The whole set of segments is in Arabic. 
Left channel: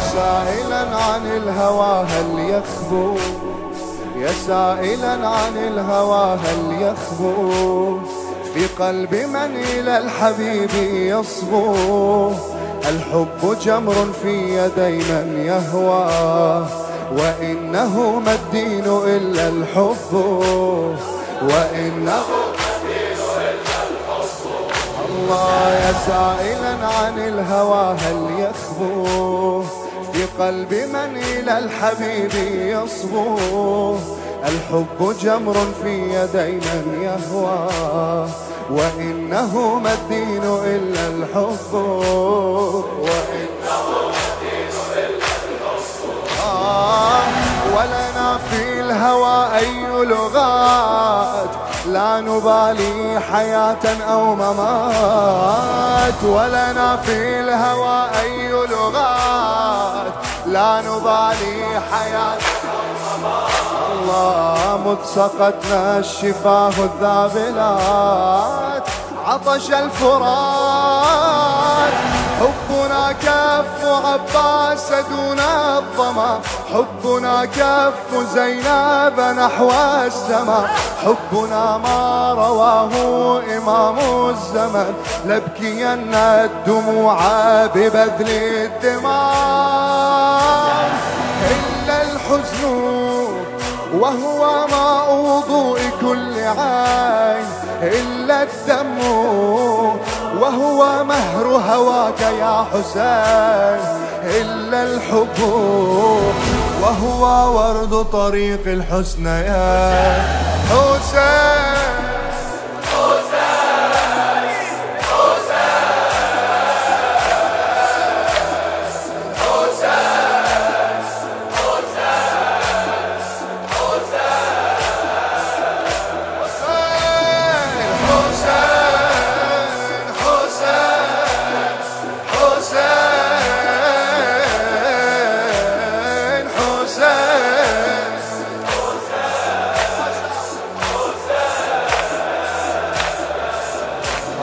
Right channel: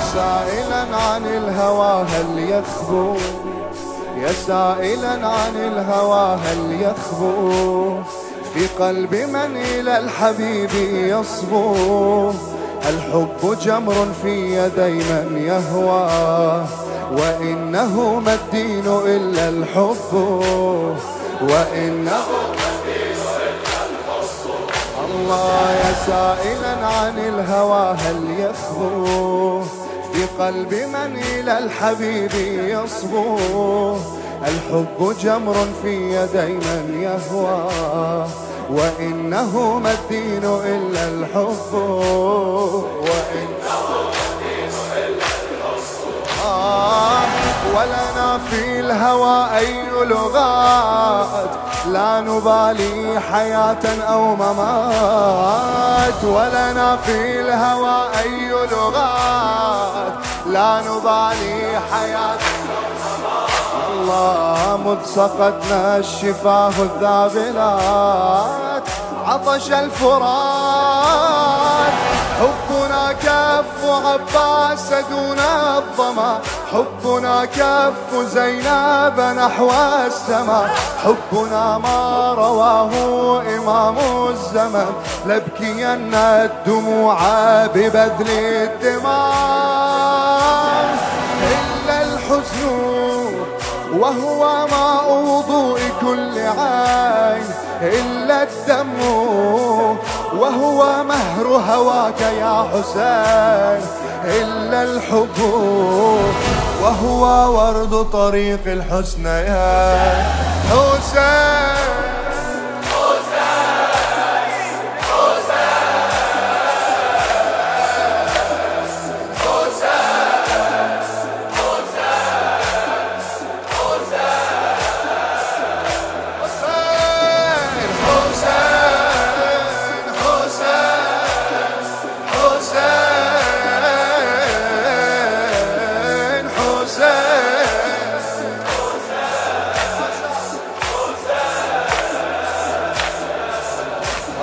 يا سائلا عن الهوى هل يخبو، يا سائلا عن الهوى هل يخبو في قلب من إلى الحبيب يصبو. الحب جمر في يدي من يهوى، وإنه ما الدين إلا الحب، وإنه الله. يا سائلا عن الهوى هل يخبو في قلب من إلى الحبيب يصبو. الحب جمر في يدي من يهوى، وإنه ما الدين إلا الحب، وإنه ما الدين إلا الحب. ولنا في الهوى أي لغات، لا نبالي حياة أو ممات. ولنا في الهوى أي لغات، لا نبالي حياة الله. مذ سقتنا الشفاه الذابلات عطش الفرات. حبنا كف عباس دون الظما، حبنا كف زينب نحو السماء. حبنا ما رواه إمام الزمن، لبكين الدموع ببذل الدماء. إلا الحزن وهو ماء وضوء كل عين، إلا الدم وهو مهر هواك يا حسين. إلا الحب وهو ورد طريق الحسن يا حسين.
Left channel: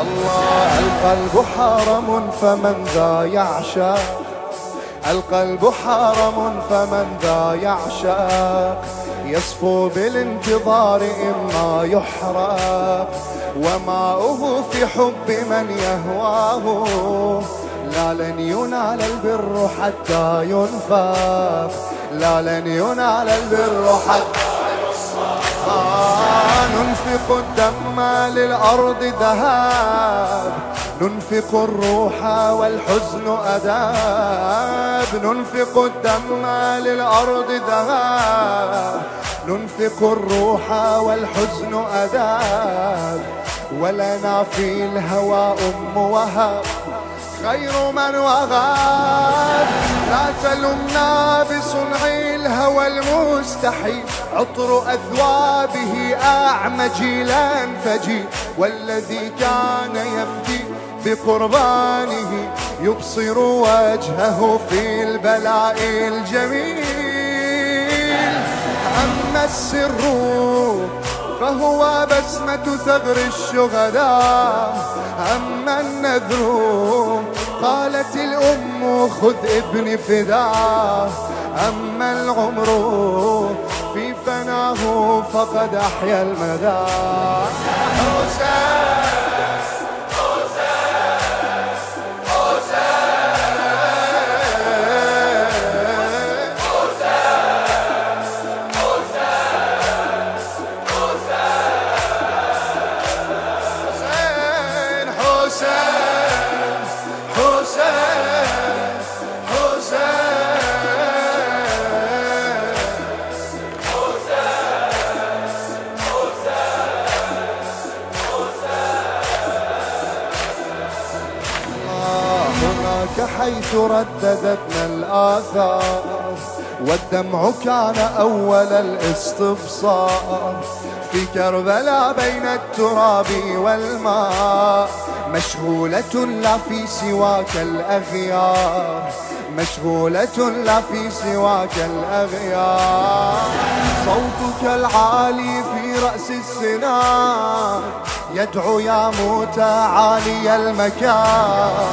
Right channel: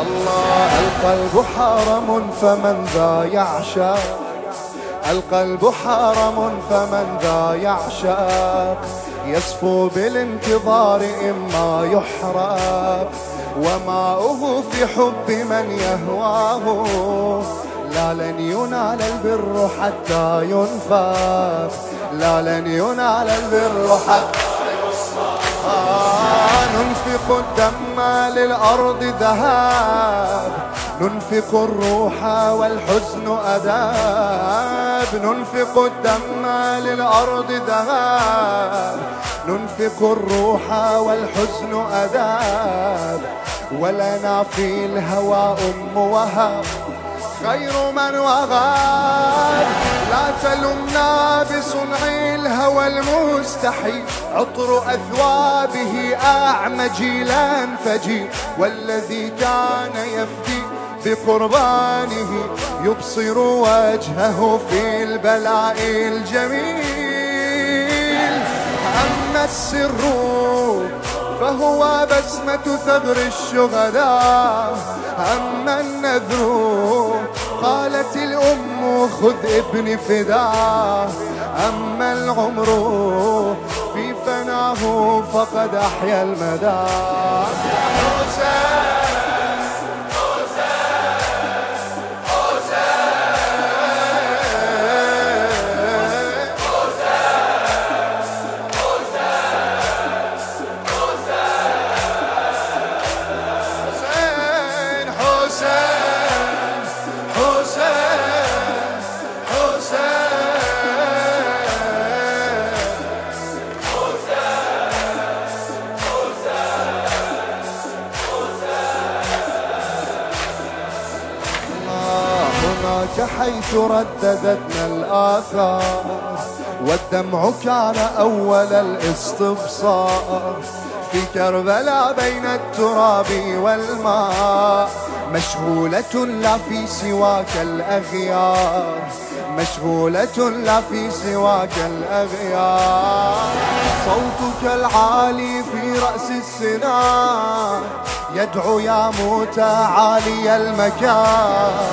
الله. القلب حرم فمن ذا يعشق، القلب حرم فمن ذا يعشق. يصفو بالانتظار إما يحرق، وماؤه في حب من يهواه. لا لن ينال البر حتى ينفق، لا لن ينال البر حتى ننفق الدم للأرض ذهاب، ننفق الروح والحزن أداب. ننفق الدم للأرض ذهاب، ننفق الروح والحزن أداب. ولنا في الهوى أم وهب خير من وغاب. لا تلمنا بصنع الهوى المستحيل، عطر أثوابه أعمى جيلا فجيل. والذي كان يفدي بقربانه يبصر وجهه في البلاء الجميل. أما السر فهو بسمة ثغر الشهداء. أما النذر قالت الأم خذ ابني فداه. أما العمر في فناه فقد أحيا المدى. حسين حيث رددتنا الآثار، والدمع كان أول الاستبصار. في كربلاء بين التراب والماء، مشغولة لا في سواك الأغيار، مشغولة لا في سواك الأغيار. صوتك العالي في رأس السنان يدعو يا موتى عالي المكان.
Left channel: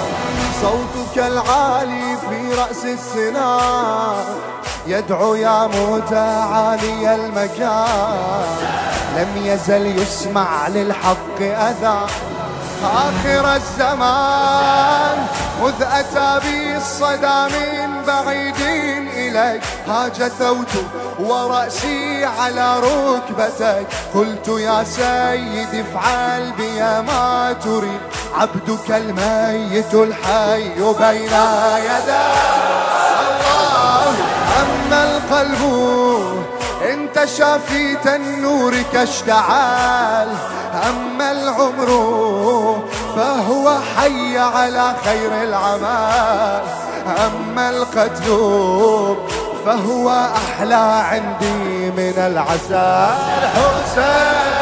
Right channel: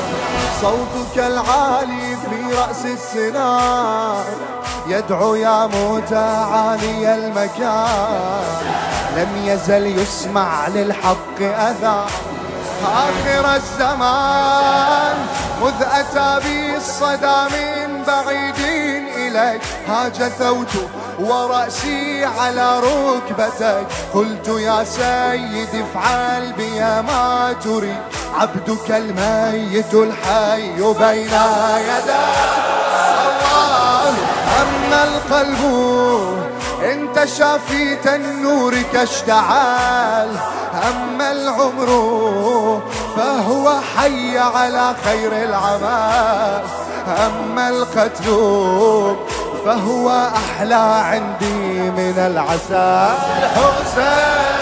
صوتك العالي في رأس السنان يدعو يا متعالي المكان، لم يزل يسمع للحق أذان آخر الزمان. مذ أتى بي الصدى من بعيد إليك هاج ثوت ورأسي على ركبتك، قلت يا سيدي افعل بي ما تريد، عبدك الميت الحي بين يديك. الله أما القلب انت شافي النور كاشتعال، أما العمر فهو حي على خير العمال، أما القتل فهو أحلى عندي من العسل. حسين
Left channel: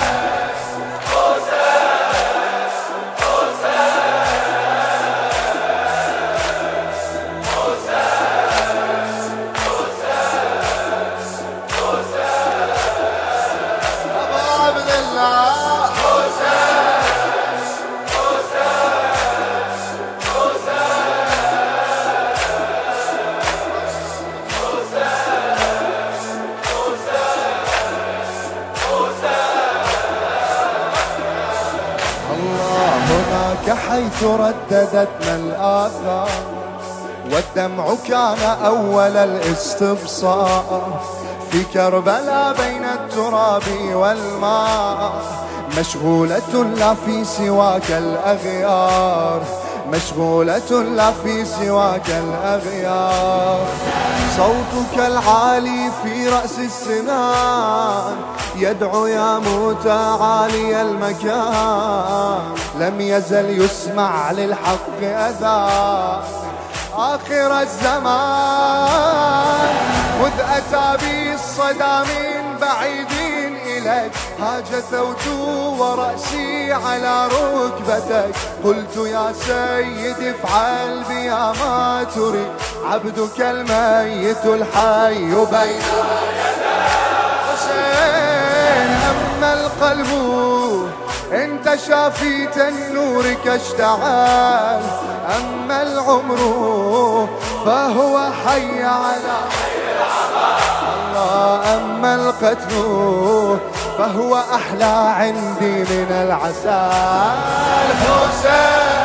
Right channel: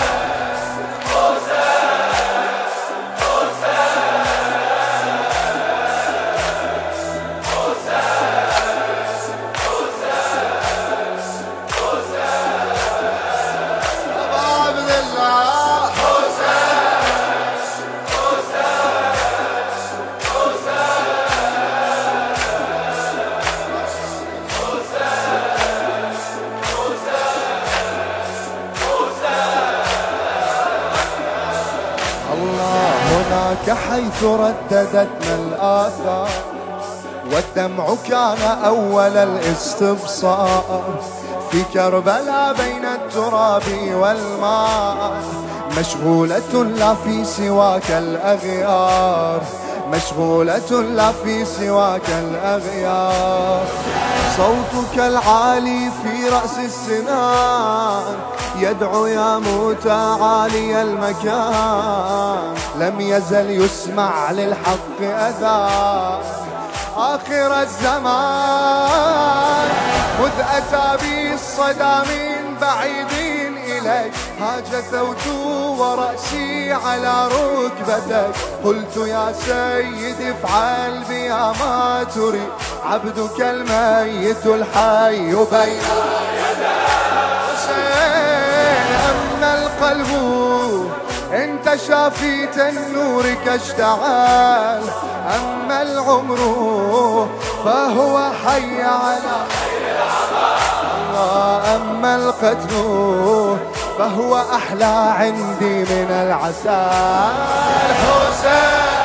عبد الله الله هناك حيث رددتنا الآثار، والدمع كان أول الاستبصار، في كربلاء بين التراب والماء، مشغولة لا في سواك الأغيار، مشغولة لا في سواك الأغيار. صوتك العالي في رأس السنان يدعو يا متعالي المكان، لم يزل يسمع للحق أذان آخر الزمان. مذ أتى بي الصدى من بعيد إليك هاج ثوت ورأسي على ركبتك، قلت يا سيدي افعل بي ما تريد، عبدك الميت الحي بين حسين. أما القلب انت شافيت النور كاشتعال، أما العمر فهو حي على الله، أما القتل فهو أحلى عندي من العسل. حسين